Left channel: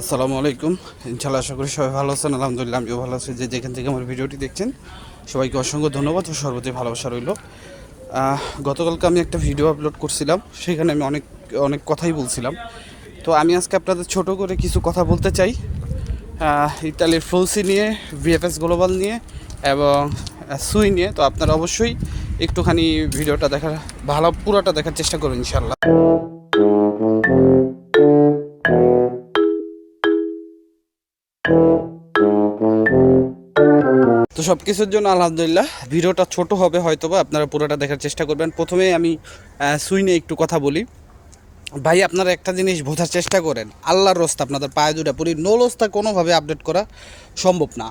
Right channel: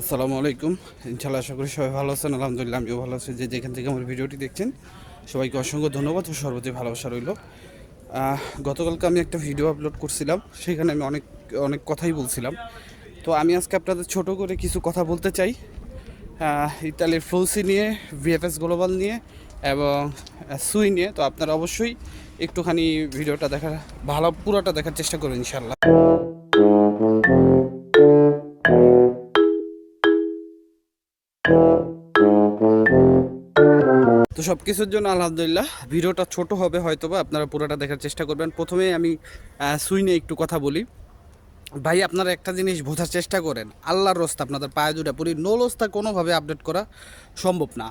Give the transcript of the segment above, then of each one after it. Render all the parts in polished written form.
আসসালামু আলাইকুম। ইনশাআল্লাহ আশা করি সবাই ভালো আছেন। আলহামদুলিল্লাহ আমিও ভালো আছি। যেখান থেকে আমার ভিডিওটি দেখছেন সবাইকে অসংখ্য ধন্যবাদ ও সর্বদাই ভালোবাসা রইল। গতকালকে আমি একটা ভিডিও আপলোড করছিলাম, সেখানে আমি অনেক অনেক কথাই বলছিলাম। তো আমি আজকে আপনাদের ছোট করে কিছু কথা বলতে চাই ইতালির ফ্লোসি নিয়ে, ভিএফএস গ্লোবাল নিয়ে এবং সুই নিয়ে। তো আপনারা অবশ্যই একটুখানি ভিডিওটা দেখার পুরোটা দেখার চেষ্টা করুন ইনশাআল্লাহ। তো সব কিছুর জন্য আলহামদুলিল্লাহ ভিডিওটা ছোট হবে হয়তোবা, আপনারা পুরোটা দেখার চেষ্টা করবেন। প্রথমেই আমি সুই নিয়ে একটু কথা বলি। ভাই আপনারা একটা জিনিস বোঝার চেষ্টা করেন, আল্লাহর রাস্তা আপনাদের পায়ে দুটা পুরি নোলস্তা কোনোভাবে আপডেট করা সম্ভব না।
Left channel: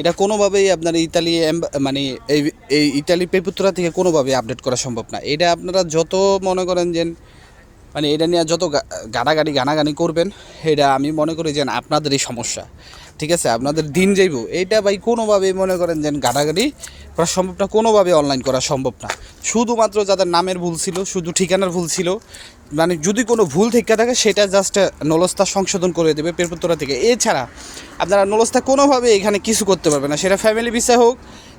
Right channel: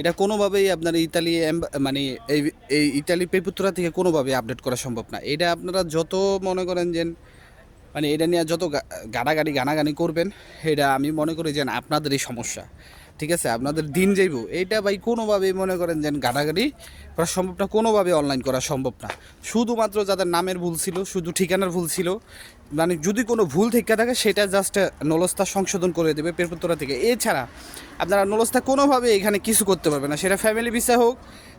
এটা কোনোভাবেই আপনার ইতালি মানে এই ইতালি পেপুত্রা থেকে কোনোভাবে আপডেট করা সম্ভব না। এটা আপনারা যত মনে করেন যে মানে এটা নিয়ে যত গানাগানি করবেন, এটা আমি মনে করি যে আপনাদেরই সমস্যা। ঠিক আছে, আপনাদের দিন যাইব এইটা ভাই কোনোভাবেই মনে করেন যে গাড়াগাড়ি করা সম্ভব না, কোনোভাবে অনলাইন করা সম্ভব না। শুধুমাত্র যাদের নামের ভুল ছিল, শুধু ঠিকানার ভুল ছিল, মানে যদি কোনো ভুল থেকে থাকে সেটা জাস্ট নলস্তা সংশোধন করে দেবে পেরপুত্তরা থেকে। এছাড়া আপনারা নলস্তা কোনোভাবে এখানে কিছু করতে পারবে না, সেটা ফ্যামিলি বিষয় হোক,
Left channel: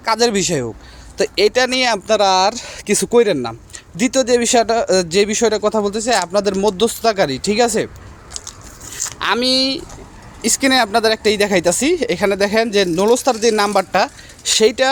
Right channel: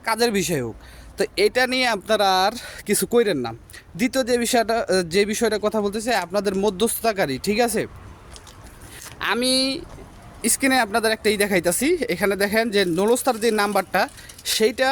কাজের বিষয় হোক। তো এটা নিয়ে আপনারা আর কিছু কইরেন না। দ্বিতীয় যে বিষয়টা কথা বলতেছে আপনাদের মধ্যস্থতাকারী, ঠিক আছে। আমি স্ক্রিনে আপনাদের একটা দেখাইতেছি, এখানে দেখেন যে নলস্তার যে নাম্বারটা সেইটা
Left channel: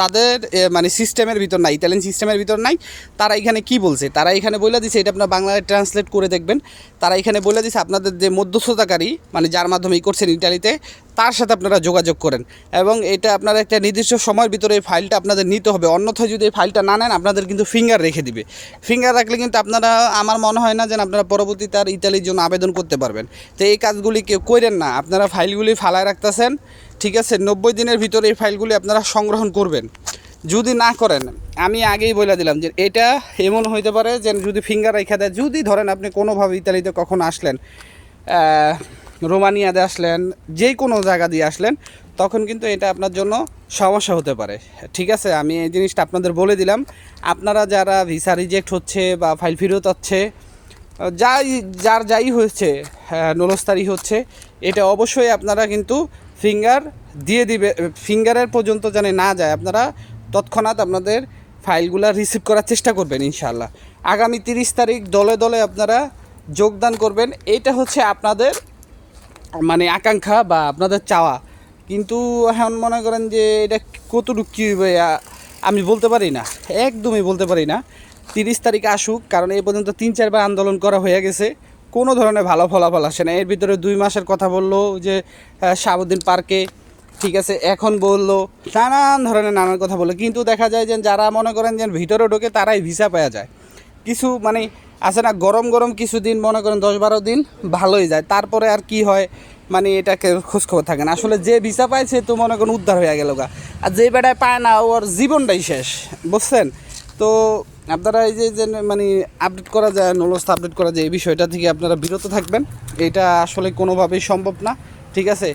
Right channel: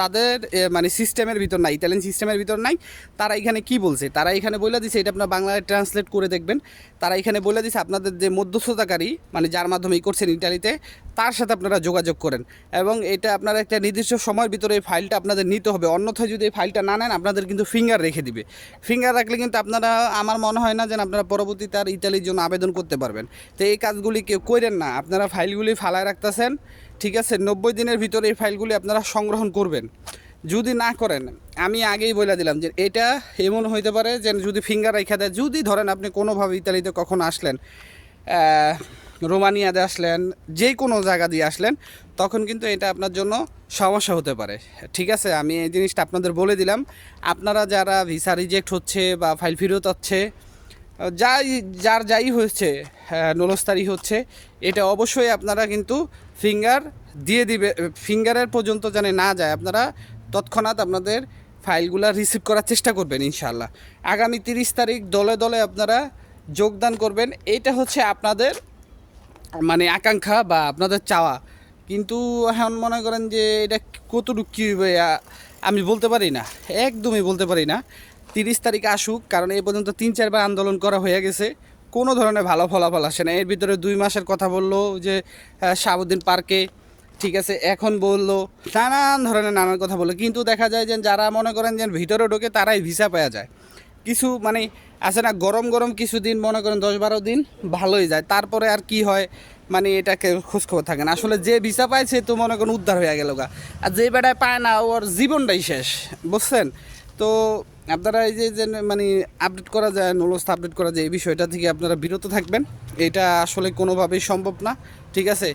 তাদের মানে সিস্টেমের ভিতর নাই, ইতালিয়ান সিস্টেমের ভিতর নাই। তারা এখানে কি বলছে, তারা এখানে বলে দিছে, এটা আপনার বাংলায় ট্রান্সলেট করে দেখবেন। তারা এখানে বলে দিছে আপনাদের যে মধ্যস্থতাকারী মানে যার মাধ্যমে করছেন ইতালিতে, তার সাথে আপনারা যোগাযোগ করেন এবং এটা আপনারা একটা নির্দিষ্ট সময়ের ভিতরে এই ফাইলটা আপনাদের নিতে হবে। অন্যথায় যদি এই ফাইলটা না নেন আপনাদের কিন্তু ফিঙ্গার রেখে দিবে। ফিঙ্গার রাখলে কিন্তু আপনারা, আমার মনে হয় না যে আপনারা পরবর্তীতে আর ইতালির জন্য আবেদন করতে পারবেন। তো এই কাজগুলি কেউ করেন না, আপনারা ফাইলগুলি ফালায় রাখতেছেন। ঠিক আছে, 90 দিনের ভিতরে এই ফাইলগুলি আপনারা সংগ্রহণ করবেন। যদি না করেন, আমি আগেই বলে দিলাম যে এটা এমন হইতে পারে যে যদি ফিঙ্গার রেখা দেয়, যদি ধরেন আপনি কোনোভাবে ইতালিতে কখনো আসলেন, রোমানিয়াতে আসলেন, যে কোনো জায়গা দিয়ে আসলেন, তখন কিন্তু এটা আপনার জন্য সমস্যা হতে পারে। ঠিক আছে, আমি এই জিনিসটা আপনাদের বলে দিলাম। আপনারা যারা ভিসা রিজেক্ট হচ্ছে বা ফাইল ফেরত হচ্ছে, যাই হয়েছে, নলস্তারি হচ্ছে, এটা অবশ্যই আপনারা কিন্তু ফিঙ্গার দিয়ে দিবে। ফিঙ্গারের পর্যন্ত যেন না যায়, আপনারা তৎক্ষণাৎ আপনাদের ফাইলগুলো রিসিভ করার চেষ্টা করবেন ইনশাআল্লাহ। আগামী 30 তারিখ দলে দলে আপনারা যোগদান করবেন, এইটা হচ্ছে আপনাদের মানে আকাঙ্ক্ষা বা আপনাদের চাওয়া। কিন্তু এখন মনে করেন যে এটা কতটুকু কী হবে আমি বলতে পারি না, একদমই বলতে পারি না। 30 তারিখ আসুক, কারণ এই পর্যন্ত 3-4বার আন্দোলন করা হয়ে গেছে, কোনো ধরনের ভালো ফলাফল আসে না। এর ভিতরে 2 মাসের কথা বললো যে শাহাবুদ্দিন পার্কে, ঠিক আছে, এখন বললো নানান ধরনের নানান কথা বললো, কিন্তু দেখা যায় যে যারা মনে করেন যে ভিতরে ঢোকে তারাই ভিসা পাওয়া যায়। কিছু মানে আছে না, গরম গরম কিছুদিন মনে করেন 10-12 দিন ভালোই যায়, তারপরে আর কি হয় মানে এটাকে খোঁজখবর থাকে না। আসলে যে ভিসা পায় সে তো মনে করেন উদ্ধার হয়ে গেল গা, আর যে বেটায় পায় না ওর জীবনটাই শেষ, বুঝছেন। তো আপনারা এই যে মানে আপডেট করা যায়, নলস্তা আপডেট করা যায়, এই বিষয়টা থেকে আপনারা বিরত থাকবেন। এটা আসলে কোনোভাবেই সম্ভব না, ঠিক আছে।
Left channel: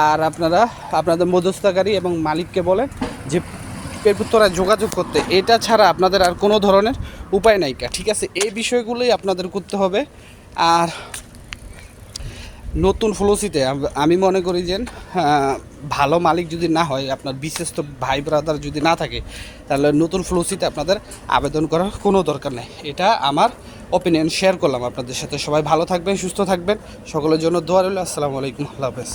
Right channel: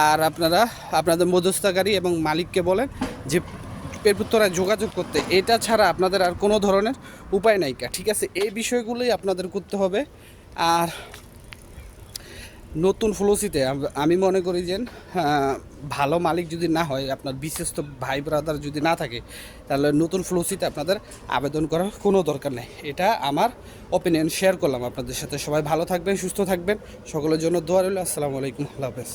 আর আপনারা আপনাদের মধ্যস্থতাকারী এবং মালিককে বলেন যে পেরপুত্তরায় যোগাযোগ করতে, এটা ছাড়া আপনাদের আর কোনো ধরনের উপায় নাই, ঠিক আছে। এই বিষয়গুলোই আপনাদের করতে হবে। আর নতুন ফ্লোসিতে আমি মনে করি যে ভালো মালিক যদি না হয়, আপনার বিশেষ তো ভাই ব্রাদার যদি না থাকে, তাহলে নতুন ফ্লোসিতে আপনাদের আবেদন করার কোনো দরকার নেই। এটা আমার ওপিনিয়ন শেয়ার করলাম আপনাদের সাথে। সবাই ভালো থাকবেন, সুস্থ থাকবেন, সকলের জন্য দোয়া রইল। আসসালামু আলাইকুম, আল্লাহ হাফেজ।